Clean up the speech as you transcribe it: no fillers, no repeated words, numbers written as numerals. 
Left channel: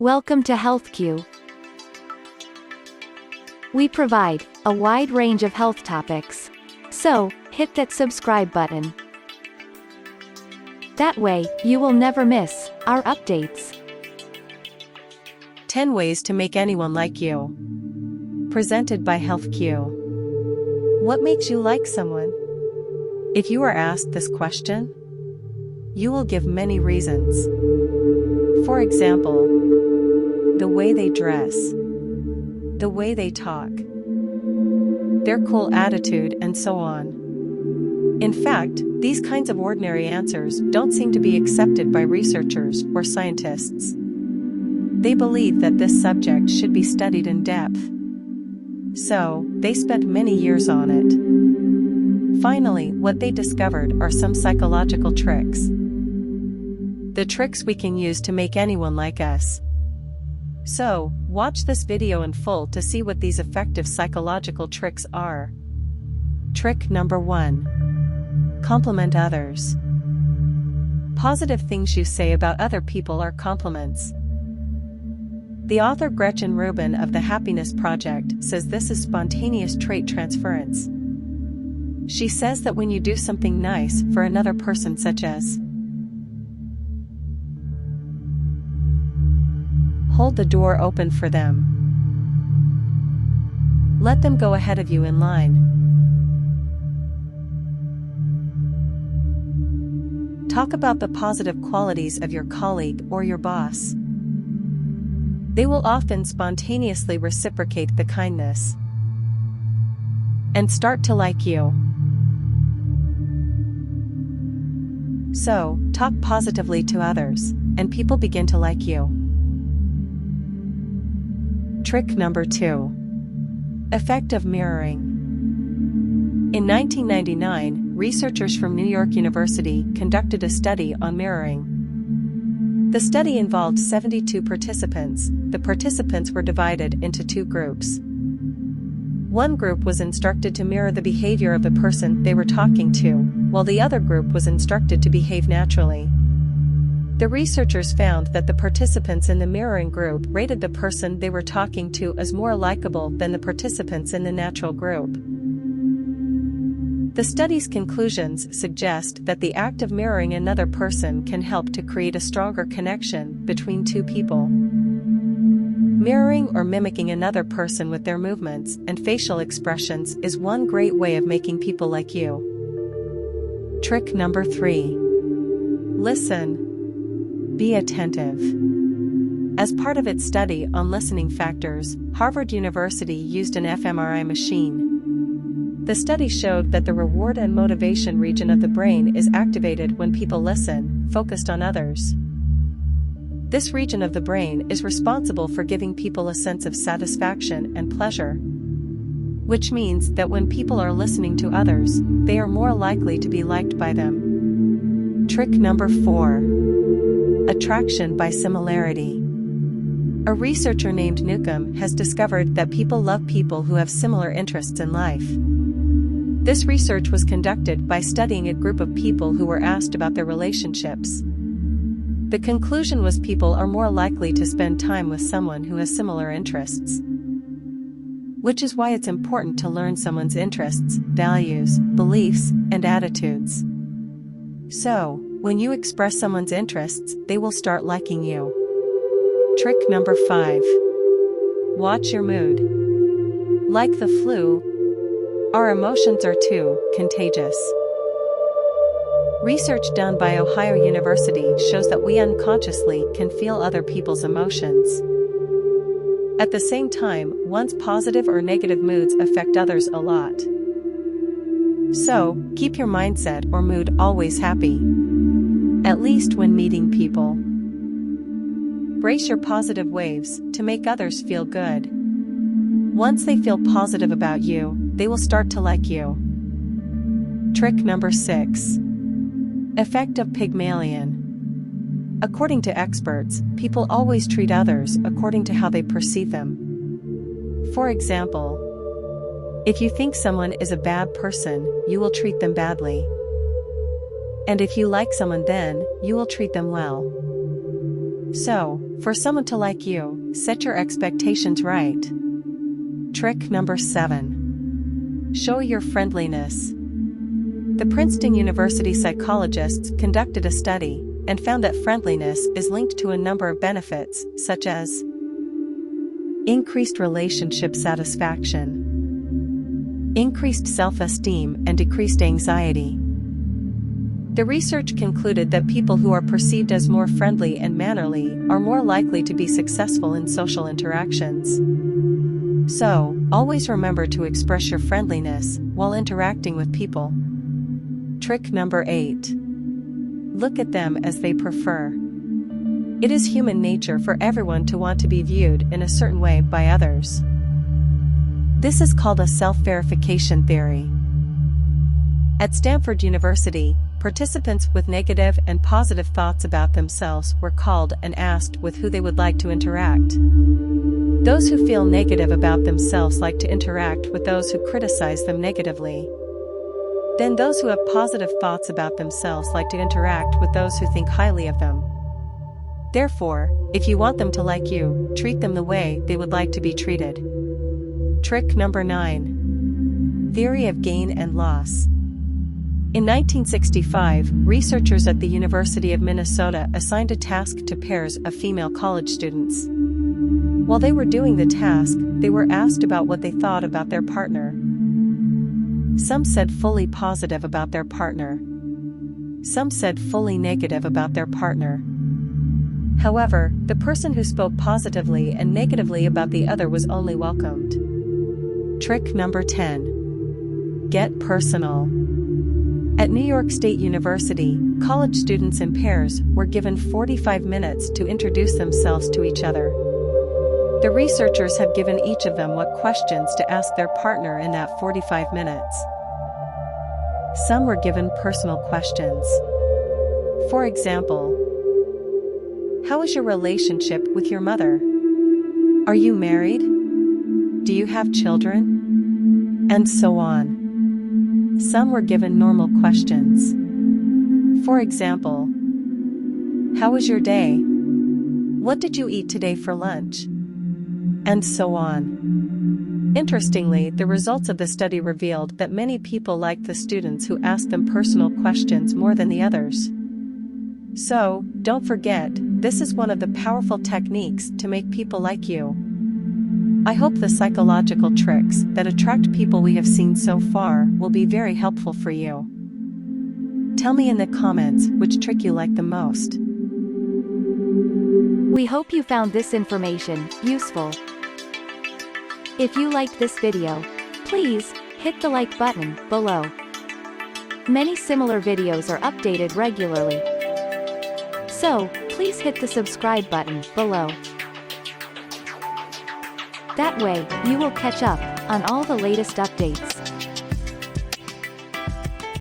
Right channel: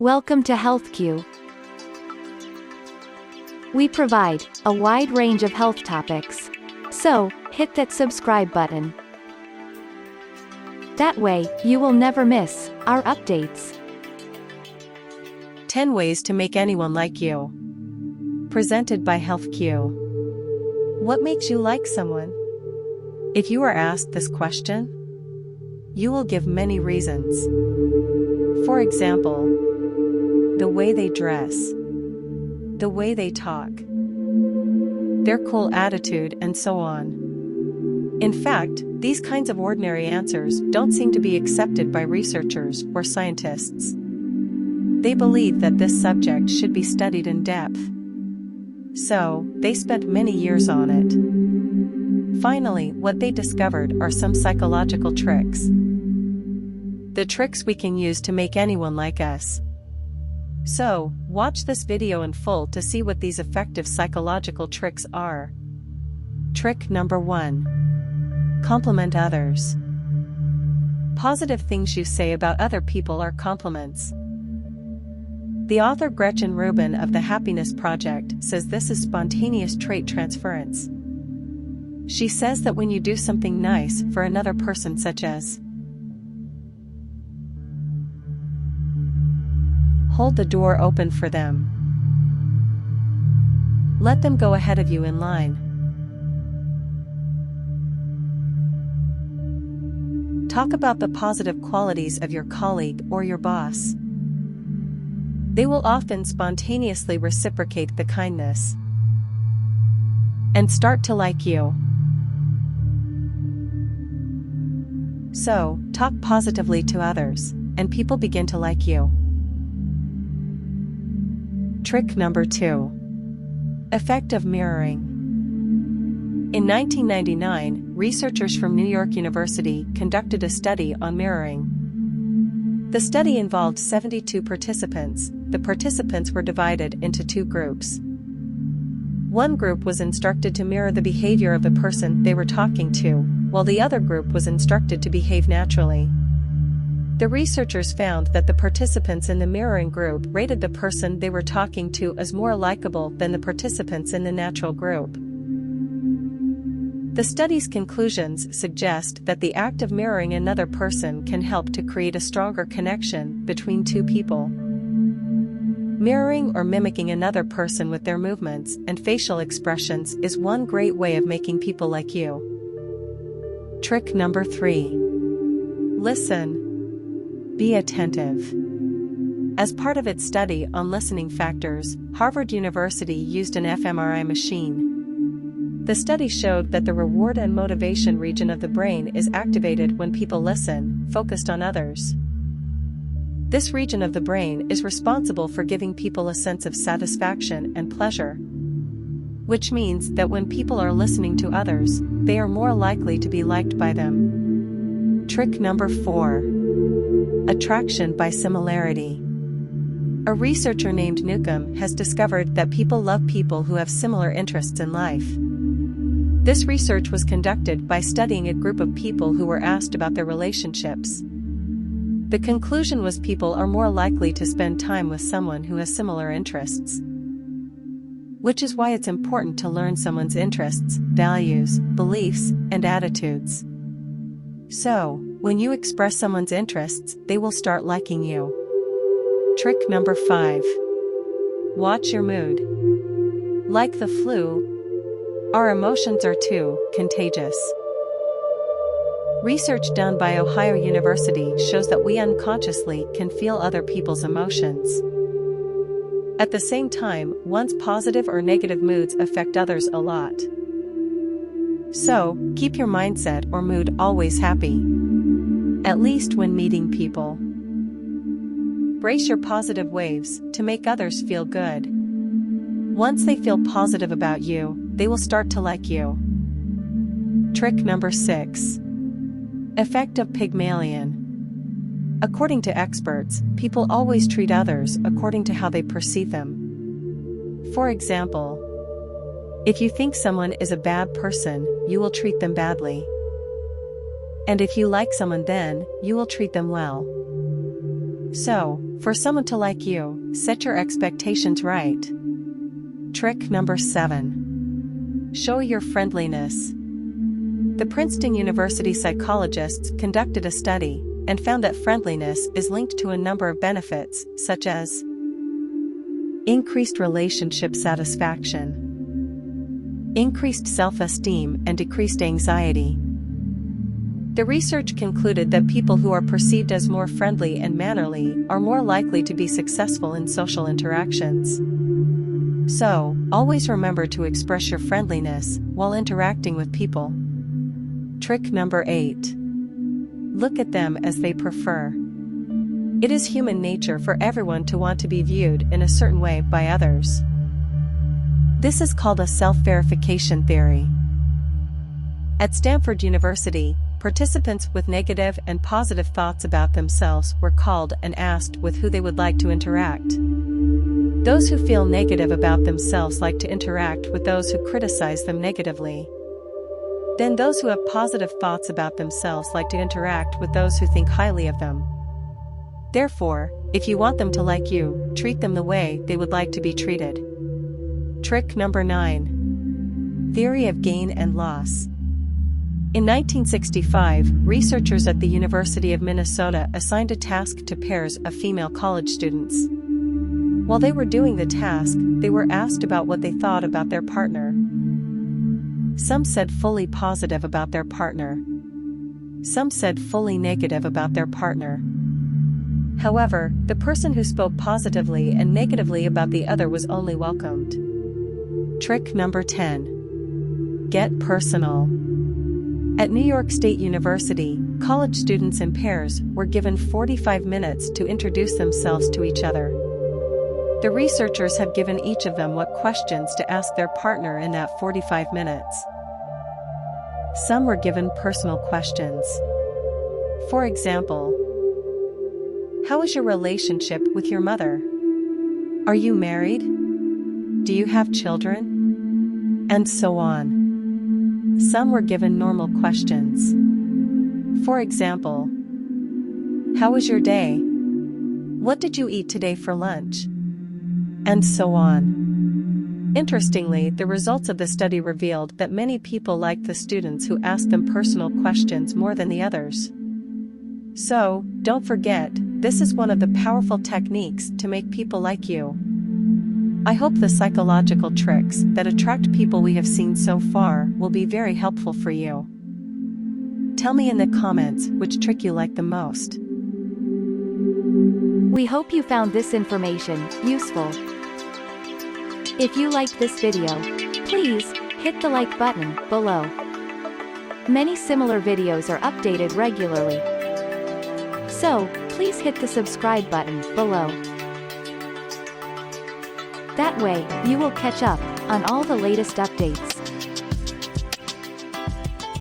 Welcome to HealthCue. We provide a wide range of health topics. So, hit that subscribe button. That way, you will never miss our updates. 10 Ways to Make Anyone Like You. Presented by HealthCue. What makes you like someone? If you are asked this question, you will give many reasons. For example, the way they dress, the way they talk, their cool attitude, and so on. In fact, these kinds of ordinary answers don't seem to be accepted by researchers or scientists. They believe that this subject should be studied in depth. So, they spent many years on it. Finally, what they discovered are some psychological tricks. The tricks we can use to make anyone like us. So, watch this video in full to see what these effective psychological tricks are. Trick number 1. Compliment others. Positive things you say about other people are compliments. The author Gretchen Rubin of the Happiness Project says this is spontaneous trait transference. She says that when you do something nice for another person, such as hold the door open for them, let them go ahead of you in line, talk about the positive qualities of your colleague or your boss, they will often spontaneously reciprocate the kindness and start to like you. So, talk positively to others, and people begin to like you. Trick number 2. Effect of mirroring. In 1999, researchers from New York University conducted a study on mirroring. The study involved 72 participants. The participants were divided into two groups. One group was instructed to mirror the behavior of the person they were talking to, while the other group was instructed to behave naturally. The researchers found that the participants in the mirroring group rated the person they were talking to as more likable than the participants in the natural group. The study's conclusions suggest that the act of mirroring another person can help to create a stronger connection between two people. Mirroring or mimicking another person with their movements and facial expressions is one great way of making people like you. Trick number 3. Listen. Be attentive. As part of its study on listening factors, Harvard University used an fMRI machine. The study showed that the reward and motivation region of the brain is activated when people listen, focused on others. This region of the brain is responsible for giving people a sense of satisfaction and pleasure, which means that when people are listening to others, they are more likely to be liked by them. Trick number 4. Attraction by similarity. A researcher named Newcomb has discovered that people love people who have similar interests in life. This research was conducted by studying a group of people who were asked about their relationships. The conclusion was people are more likely to spend time with someone who has similar interests. Which is why it's important to learn someone's interests, values, beliefs, and attitudes. So, when you express someone's interests, they will start liking you. Trick number 5. Watch your mood. Like the flu, our emotions are too contagious. Research done by Ohio University shows that we unconsciously can feel other people's emotions. At the same time, one's positive or negative moods affect others a lot. So, keep your mindset or mood always happy. At least when meeting people. Brace your positive waves to make others feel good. Once they feel positive about you, they will start to like you. Trick number 6. Effect of Pygmalion. According to experts, people always treat others according to how they perceive them. For example, if you think someone is a bad person, you will treat them badly. And if you like someone, then you will treat them well. So, for someone to like you, set your expectations right. Trick number 7. Show your friendliness. The Princeton University psychologists conducted a study and found that friendliness is linked to a number of benefits, such as increased relationship satisfaction, increased self-esteem, and decreased anxiety. The research concluded that people who are perceived as more friendly and mannerly are more likely to be successful in social interactions. So, always remember to express your friendliness while interacting with people. Trick number 8. Look at them as they prefer. It is human nature for everyone to want to be viewed in a certain way by others. This is called a self-verification theory. At Stanford University, participants with negative and positive thoughts about themselves were called and asked with who they would like to interact. Those who feel negative about themselves like to interact with those who criticize them negatively. Then those who have positive thoughts about themselves like to interact with those who think highly of them. Therefore, if you want them to like you, treat them the way they would like to be treated. Trick number 9. Theory of gain and loss. In 1965, researchers at the University of Minnesota assigned a task to pairs of female college students. While they were doing the task, they were asked about what they thought about their partner. Some said fully positive about their partner. Some said fully negative about their partner. However, the person who spoke positively and negatively about the other was only welcomed. Trick number 10. Get personal. At New York State University, college students in pairs were given 45 minutes to introduce themselves to each other. The researchers have given each of them what questions to ask their partner in that 45 minutes. Some were given personal questions. For example, how is your relationship with your mother? Are you married? Do you have children? And so on. Some were given normal questions. For example, how was your day? What did you eat today for lunch? And so on. Interestingly, the results of the study revealed that many people liked the students who asked them personal questions more than the others. So, don't forget, this is one of the powerful techniques to make people like you. I hope the psychological tricks that attract people we have seen so far will be very helpful for you. Tell me in the comments which trick you like the most. We hope you found this information useful. If you liked this video, please hit the like button below. Many similar videos are updated regularly. So, please hit the subscribe button below. That way, you will catch up on all the latest updates.